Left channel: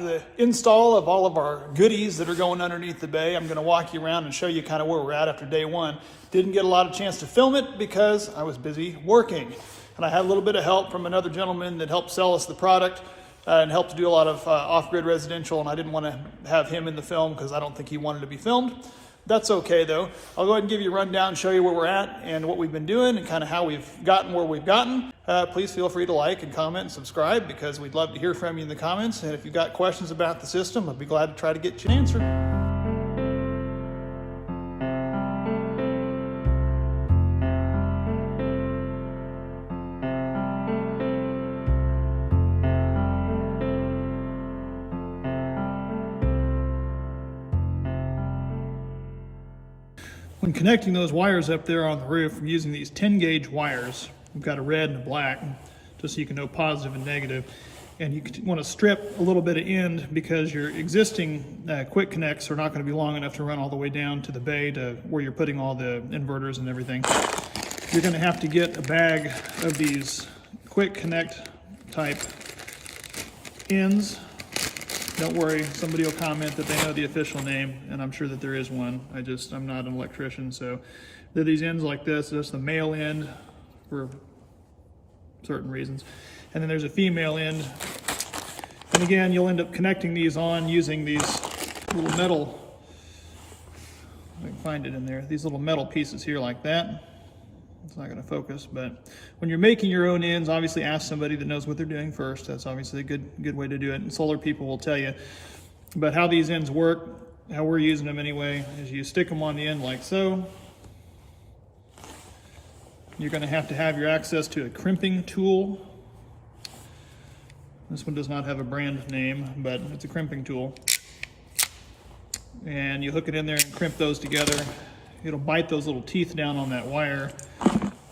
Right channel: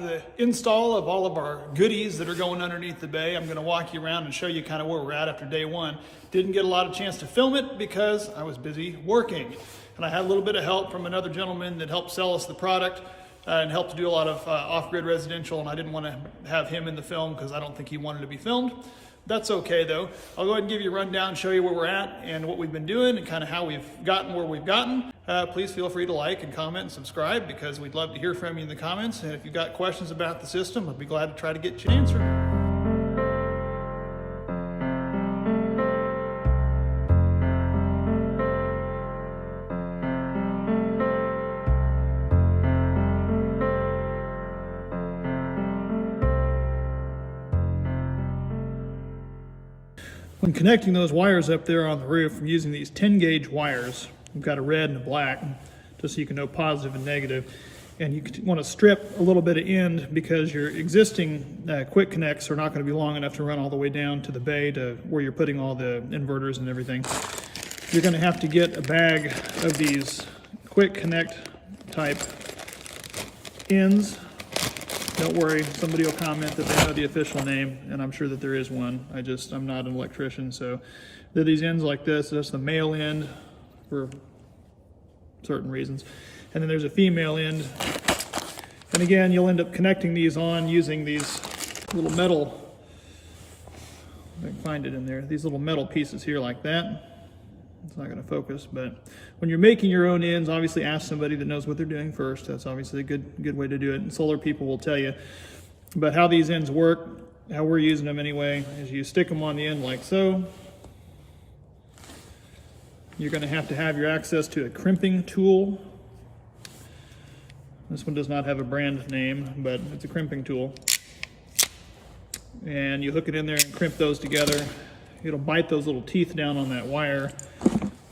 about the install of all of our goodies that are going underneath the bay. I'm going to walk you around and show you kind of where we're at after day one. Didn't get a lot of chance to film it because I was busy working. And I had a little bit of help from another gentleman that helped sell us the product and helped to do a lot of off-grid residential, and I didn't want to have him in the film because I don't think he wanted to be filmed. That's okay though. I'll go ahead and give you a rundown, show you where we're at and what we've been doing and kind of how we've gotten where we've gotten. Please feel free to like and comment and subscribe because we'd love to hear from you in the comments. And if you've got questions about the system, I'd be glad to try to get you an answer. When connecting those wires up there on the roof, I'm using these 10-gauge wires. We've got a red and a black, just so you can know positive and negative. And you want to strip a little bit of end because your existing quick connects are not going to be long enough to run all the way down to the bay to where you're putting all the inverters and everything. You're going to have to get a bag of these quick connect type ends. Don't worry, somebody will comment that they know the official name, and I'm sure that there is one. I'm not an electrician, so they're these ends like this. That's the male end for certain reasons. And then there's a female end. And again, you'll end up connecting these on using these little metal, if I can find it in there, these little metal pieces here like that. It's not going to focus, but when you're making your own ends, obviously ask somebody that knows what they're doing first. That's obviously a good way to do it, and solar people will tell you. But how these ends work, how we're using them anyway, is you stick them on the end like so. You're going to have your access to a crimping tool. This one does not have a brand name, but it's a crimping tool. And you hook it in there and crimp those together. It'll bite those little teeth down on that wire.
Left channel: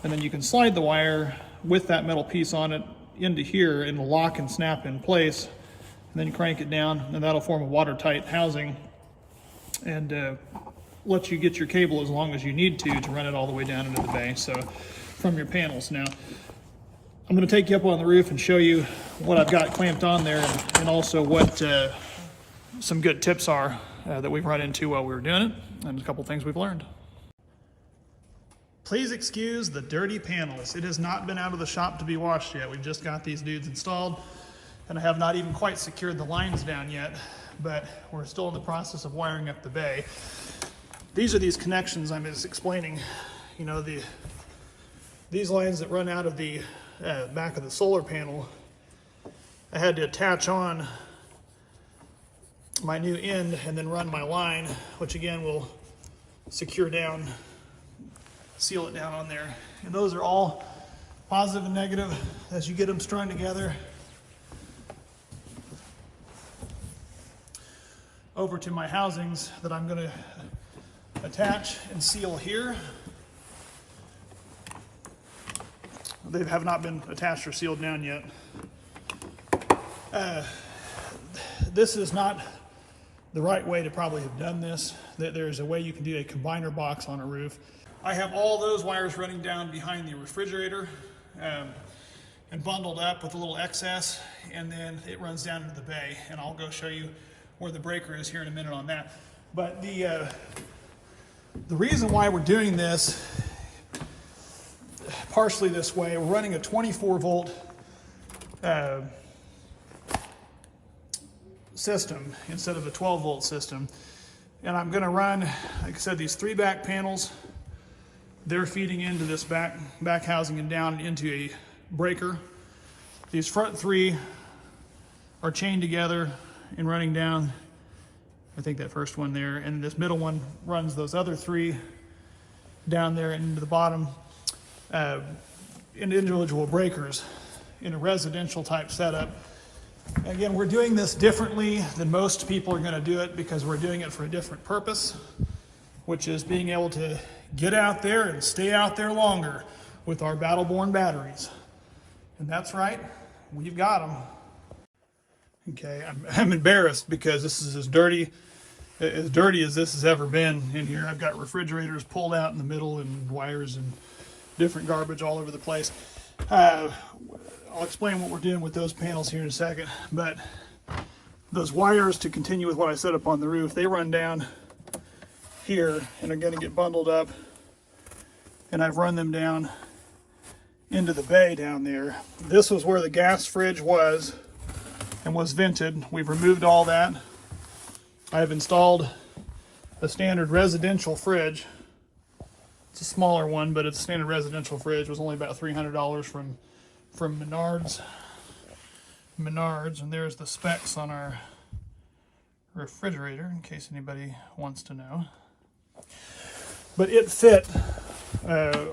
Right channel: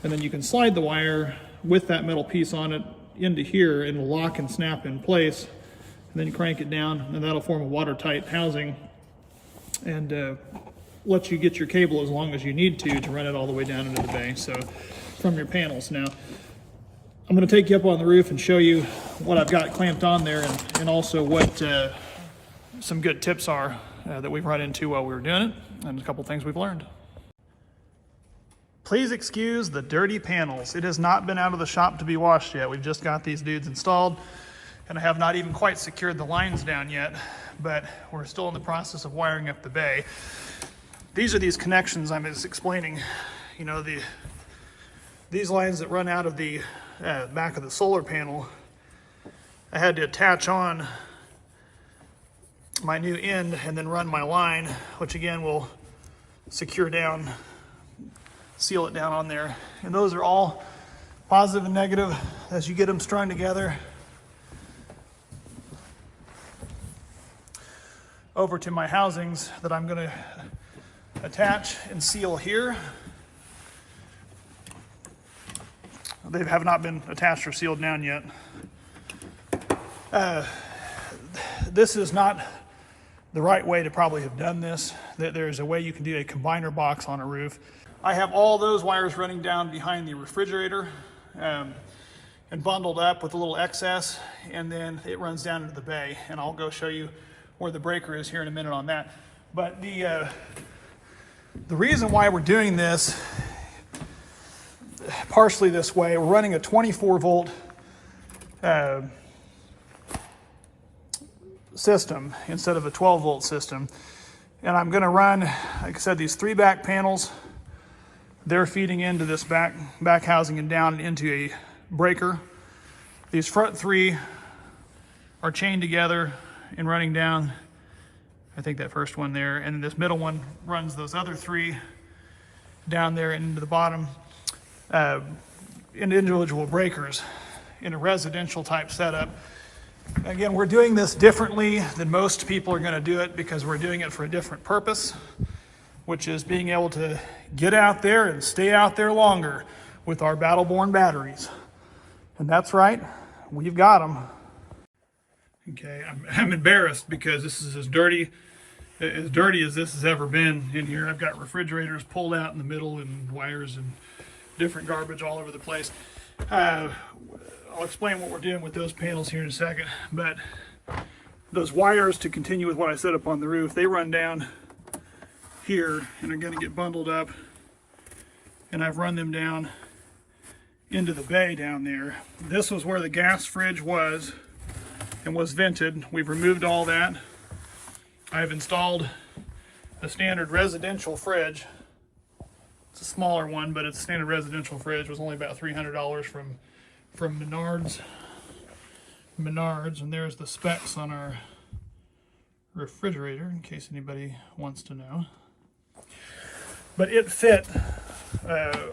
And then you can slide the wire with that metal piece on it into here, and it'll lock and snap in place. And then you crank it down, and that'll form a watertight housing and let you get your cable as long as you need to run it all the way down into the bay. So from your panels. Now, I'm going to take you up on the roof and show you what I've got clamped on there, and also what some good tips are that we've run into while we were doing it, and a couple things we've learned. Please excuse the dirty panels. It has not been out of the shop to be washed yet. We've just got these dudes installed, and I have not even quite secured the lines down yet, but we're still in the process of wiring up the bay. These are these connections I'm just explaining. You know, these lines that run out of the back of the solar panel, I had to attach on my new end and then run my line, which again will secure down, seal it down on there. And those are all positive and negative as you get them strung together. Over to my housings that I'm going to attach and seal here. They have not been attached or sealed down yet. This is not the right way to probably have done this. There's a way you can do a combiner box on a roof. I have all those wires running down behind the refrigerator and bundled up with a little excess, and then it runs down into the bay, and I'll go show you where the breaker is here in a minute on that. But the reason why we're doing this partially this way, we're running a 24 volt system instead of a 12 volt system. And I'm going to run, like I said, these 3 back panels. They're feeding into this back housing and down into a breaker. These front 3 are chained together and running down, I think that first one there, and this middle one runs those other 3 down there into the bottom, individual breakers in a residential type setup. Again, we're doing this differently than most people are going to do it because we're doing it for a different purpose, which is being able to get out there and stay out there longer with our Battleborn batteries. And that's right, we've got them. Okay, I'm embarrassed because this is as dirty as this has ever been in here. I've got refrigerators pulled out in the middle and wires and different garbage all over the place. I'll explain what we're doing with those panels here in a second, but those wires, to continue with what I set up on the roof, they run down here and are going to get bundled up, and I've run them down into the bay down there. This was where the gas fridge was and was vented. We've removed all that. I've installed a standard residential fridge. It's a smaller one, but it's a standard residential fridge. It was only about $300 from Menards. And there's the specs on our refrigerator, in case anybody wants to know. But it fit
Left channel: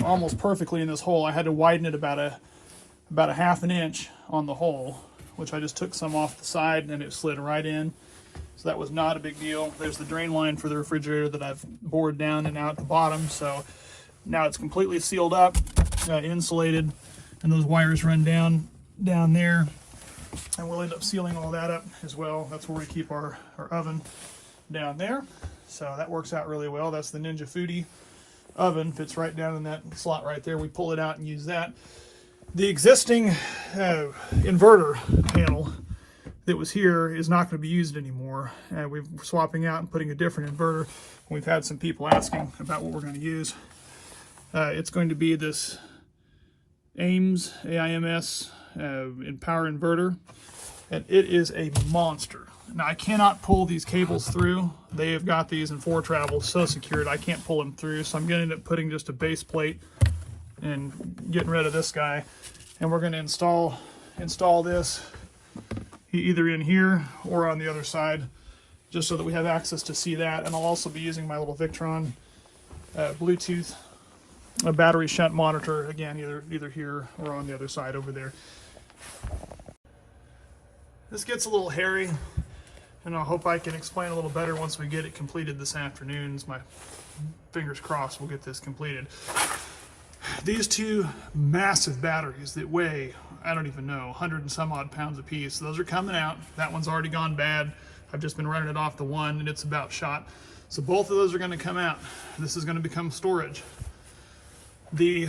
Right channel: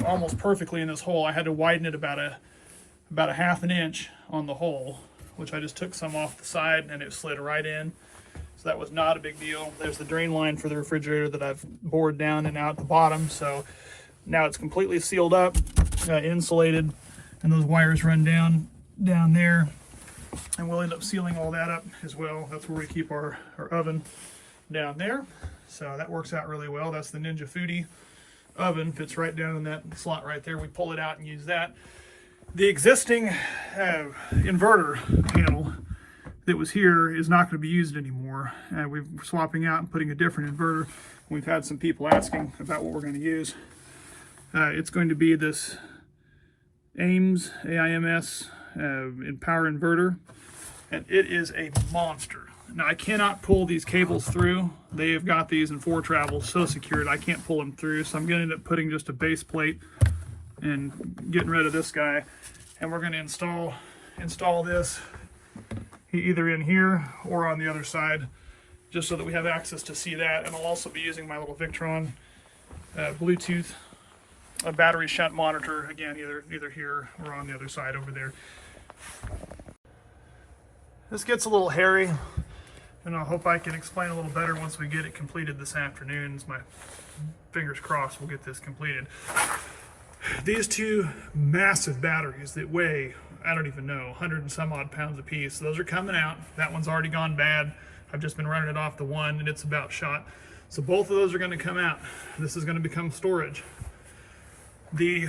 almost perfectly in this hole. I had to widen it about a half an inch on the hole, which I just took some off the side and it slid right in. So that was not a big deal. There's the drain line for the refrigerator that I've bored down and out the bottom. So now it's completely sealed up, insulated, and those wires run down there. And we'll end up sealing all that up as well. That's where we keep our oven down there. So that works out really well. That's the Ninja Foodie oven, fits right down in that slot right there. We pull it out and use that. The existing inverter panel that was here is not going to be used anymore. We're swapping out and putting a different inverter. We've had some people asking about what we're going to use. It's going to be this AIMS in power inverter, and it is a monster. Now I cannot pull these cables through. They have got these in Foretravel so secured I can't pull them through, so I'm going to end up putting just a base plate and getting rid of this guy, and we're going to install this either in here or on the other side, just so that we have access to see that. And I'll also be using my little Victron Bluetooth battery shunt monitor, again, either here or on the other side over there. This gets a little hairy, and I hope I can explain a little better once we get it completed this afternoon. My fingers crossed we'll get this completed. These two massive batteries that weigh, I don't even know, 100 and some odd pounds apiece, those are coming out. That one's already gone bad. I've just been running it off the one and it's about shot. So both of those are going to come out. This is going to become storage. The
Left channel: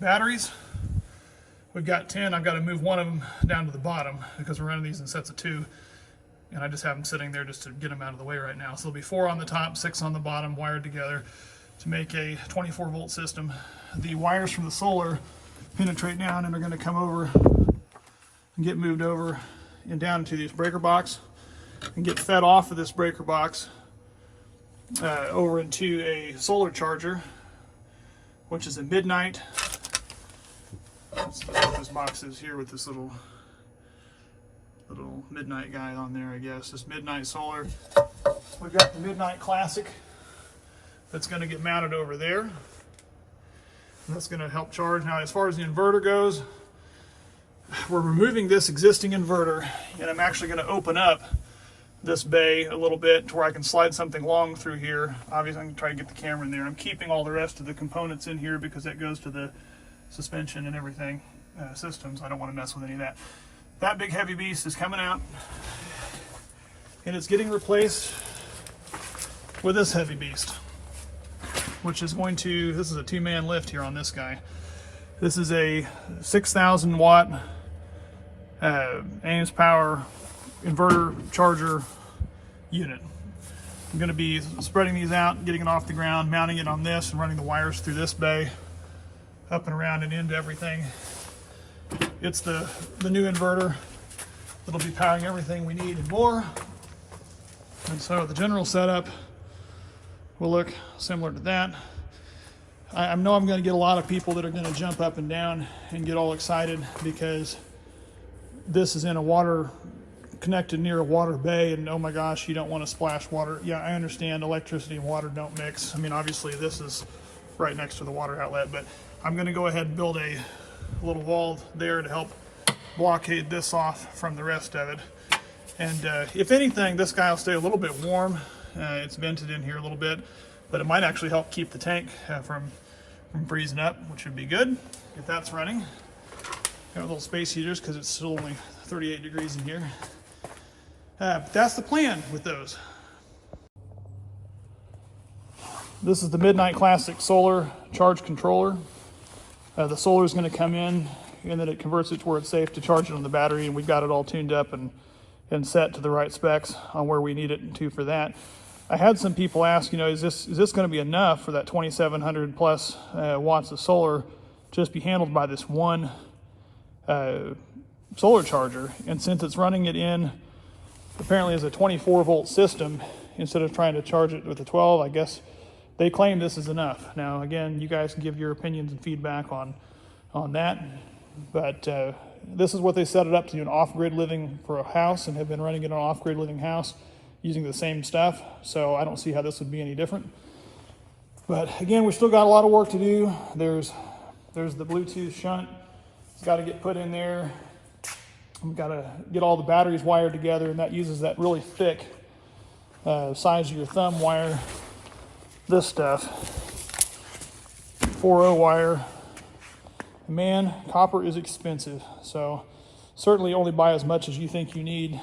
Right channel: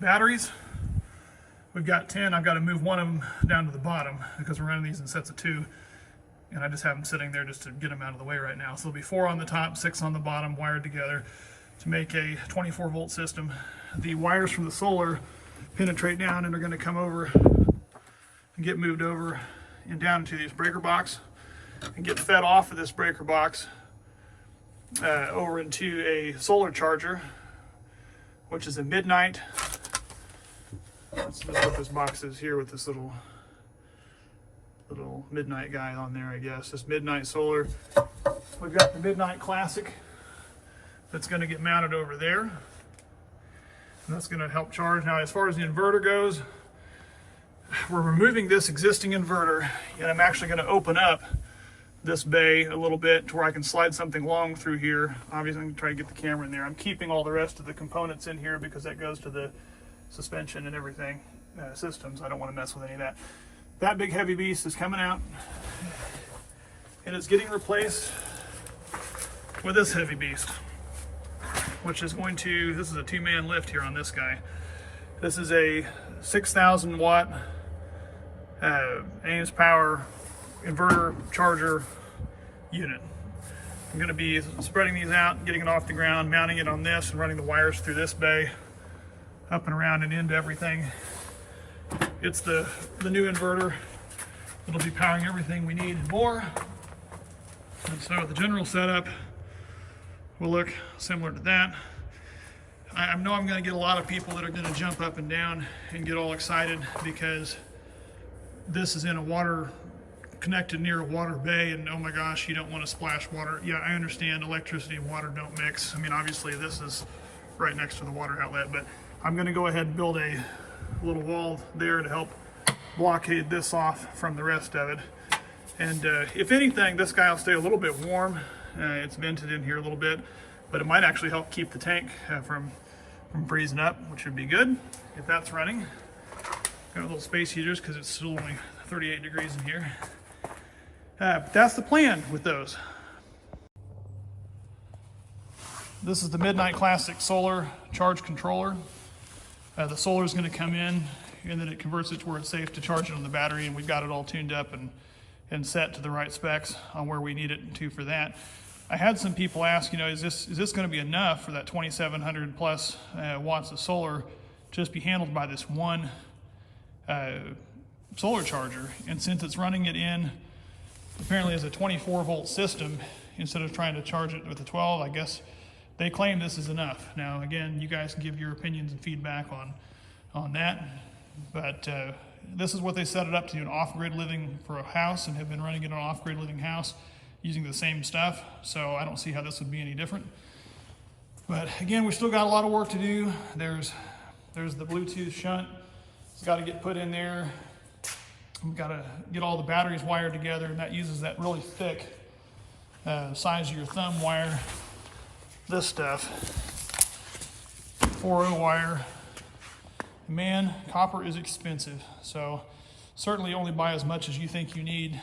batteries, we've got 10. I've got to move one of them down to the bottom because we're running these in sets of 2. And I just have them sitting there just to get them out of the way right now. So there'll be 4 on the top, 6 on the bottom, wired together to make a 24-volt system. The wires from the solar penetrate down and are going to come over and get moved over and down into this breaker box and get fed off of this breaker box over into a solar charger, which is a Midnight. Let's see what this box is here with this little Midnight guy on there, I guess. This Midnight solar. We've got the Midnight Classic that's going to get mounted over there. And that's going to help charge. Now, as far as the inverter goes, we're removing this existing inverter, and I'm actually going to open up this bay a little bit to where I can slide something long through here. Obviously, I'm going to try to get the camera in there. I'm keeping all the rest of the components in here because that goes to the suspension and everything systems. I don't want to mess with any of that. That big heavy beast is coming out, and it's getting replaced with this heavy beast, which is going to, this is a 2-man lift here on this guy. This is a 6,000 watt AIMS power inverter charger unit. I'm going to be spreading these out, getting it off the ground, mounting it on this, and running the wires through this bay, up and around and into everything. It's the new inverter that'll be powering everything we need and more. And so the general setup will look similar to that. I know I'm going to get a lot of people that are going to jump up and down and get all excited because this is in a water, connected near a water bay, and oh my gosh, you don't want to splash water. Yeah, I understand electricity and water don't mix. I mean, obviously this is right next to the water outlet, but I'm going to go ahead and build a little wall there to help blockade this off from the rest of it. And if anything, this guy will stay a little bit warm. It's vented in here a little bit, but it might actually help keep the tank from freezing up, which would be good if that's running. Got little space heaters because it's still only 38 degrees in here. But that's the plan with those. This is the Midnight Classic solar charge controller. The solar is going to come in, and then it converts it to where it's safe to charge it on the battery, and we've got it all tuned up and and set to the right specs on where we need it to for that. I had some people ask, is this going to be enough for that 2,700 plus watts of solar just be handled by this one solar charger? And since it's running it in apparently as a 24 volt system instead of trying to charge it with a 12, I guess they claim this is enough. Now again, you guys can give your opinions and feedback on that, but this is what they set it up to do, an off-grid living for a house, and have been running it on an off-grid living house using the same stuff. So I don't see how this would be any different. But again, we still got a lot of work to do. There's the Bluetooth shunt. It's got to get put in there. We've got to get all the batteries wired together, and that uses that really thick size of your thumb wire. This stuff, 4.0 wire. Man, copper is expensive, so certainly only buy as much as you think you need,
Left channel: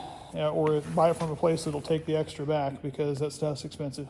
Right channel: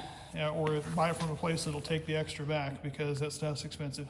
or buy it from a place that'll take the extra back, because that stuff's expensive.